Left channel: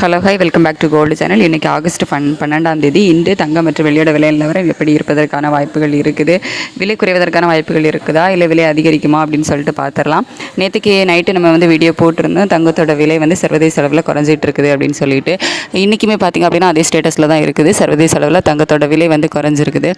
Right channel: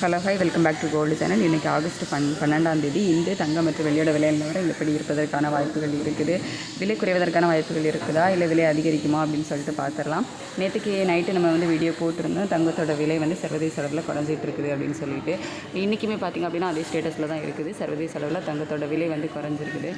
Hello hi welcome back to gold channel. இன்றைக்கி August பன் பன்னெண்டாம் தேதி இன்று தங்கம் மற்றும் வெளியோட விலை நிலவரம் எப்படி இருப்பதற்கான வாய்ப்புகள் இருக்குது. விலை குறைவதற்கான வாய்ப்புகள் இருக்குதா? இல்லை விலை அதிகரிக்குமா? அப்படின்னு சொல்லிட்டு பார்த்துடலாம் நேற்றுக்கு நைட்டு நம்ம வந்து வீடியோ போட்டிருந்தோம். தங்கத்தோட விலை வந்து சர்வதேச அளவில் குறைஞ்சிட்டு இருக்குது அப்படின்னு சொல்லிட்டு. இன்றைக்குமே பார்த்திங்க அப்படின்னா அதே ஸ்டேட்டஸில் தான் இருக்குது. சர்வதேச அளவில் தங்கத்தோட விலை வந்து குறைஞ்சிருக்குது.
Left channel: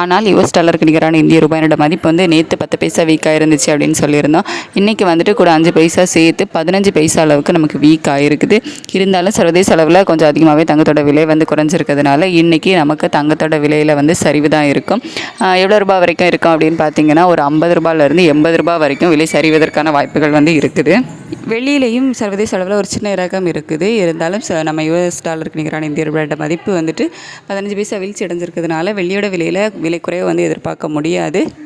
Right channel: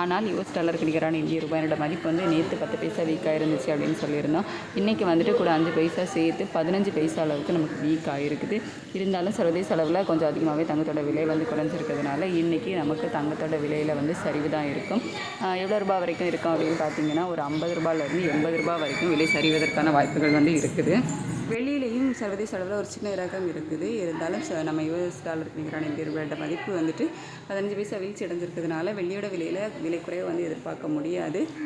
ஆனால் யுஎஸ் டாலருக்கு நிகரான இந்திய ரூபாயோட மதிப்பு வந்து நேற்று பத்து பைசா வீக்காக இருந்துச்சு அப்படின்னு சொல்லியிருந்தோம். இன்றைக்கி வந்துட்டு கூட அஞ்சு பைசா சேர்த்து பதினஞ்சு பைசா அளவுக்கு நமக்கு வீக் ஆகிருக்குது இருந்தாலும் சர்வதேச அளவில் கொஞ்சம் அதிகமாகவே தங்கத்தோட விலை வந்து குறைஞ்சிருக்கிறதுனால இன்றைக்கி நமக்கு தங்கத்தோட விலையில் வந்து சரிவு தான் இருக்கும் எவ்வளோ ரூபாய் வரைக்கும் இருக்கும் அப்படின்னு பார்த்தீங்கன்னா ஒரு ஐம்பது ரூபாயிலேருந்து எண்பது ரூபாய் வரைக்கும் விலை சரிவதற்கான வாய்ப்புகள் வந்து இருக்குது. வெளியிலையும் சர்வதேச அளவில் ஒரு சின்ன இறக்கம் இருக்குது. இருந்தாலும் ச- நம்ம யூஎஸ் டாலருக்கு நிகரான இந்திய ரூபாயோட மதிப்பு வந்துட்டு பதினஞ்சு பைசா வீழ்ச்சி அடைஞ்சிருக்கிறதுனால வெள்ளியோட விலையில் விலை குறைவை வந்து எதிர்பார்க்க முடியாது.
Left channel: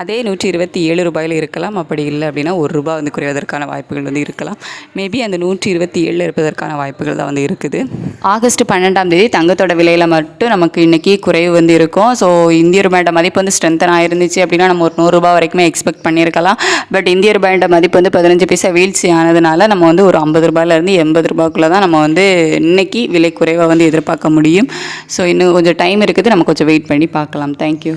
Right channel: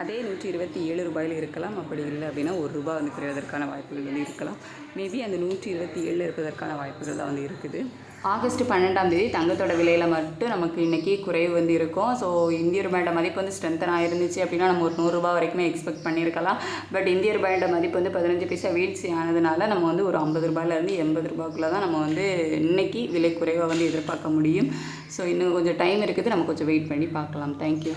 அதே நூற்றி இருபத்தி ஏழு ரூபாயில் இருக்கலாம் அப்படி இல்லை அப்படின்னா ஒரு ரூபாய் வந்து குறைவதற்கான வாய்ப்புகள் வந்து இருக்கலாம். மேபி அந்த நூற்றி இருபத்தி ஏழில் இருப்பதற்கான வாய்ப்புகள் தான் வந்து இருக்குது. ஆகஸ்ட் பன்னெண்டாம் தேதி தங்கத்தோட விலையில் மட்டும் நமக்கு இன்றைக்கி குறைவு வந்து இருக்கும். ஸோ இந்திய ரூபாயோட மதிப்பு வந்து ஸ்ட்ரென்தன் ஆயிருந்துச்சு அப்படின்னா நம்ம ஒரு நூறுரூபா வரைக்குமே எக்ஸ்பெக்ட் பண்ணியிருக்கலாம். பட் இந்திய ரூபாயோட மதிப்பு வந்து பதினஞ்சு பைசா வீழ்ச்சி ஆனதுனால நம்ம வந்து ஒரு ஐம்பது ரூபாயிலேருந்து எண்பது ரூபாய்க்குள்ளே தான் நம்ம வந்து இன்றைக்கி விலை குறைவாக வந்து எதிர்பார்க்க முடியும். ஸோ இன்னும் கொஞ்சம் டைம் இருக்குது. நம்ம கொஞ்சம் வெயிட் பண்ணி பார்க்கலாம். தேங்க்யூ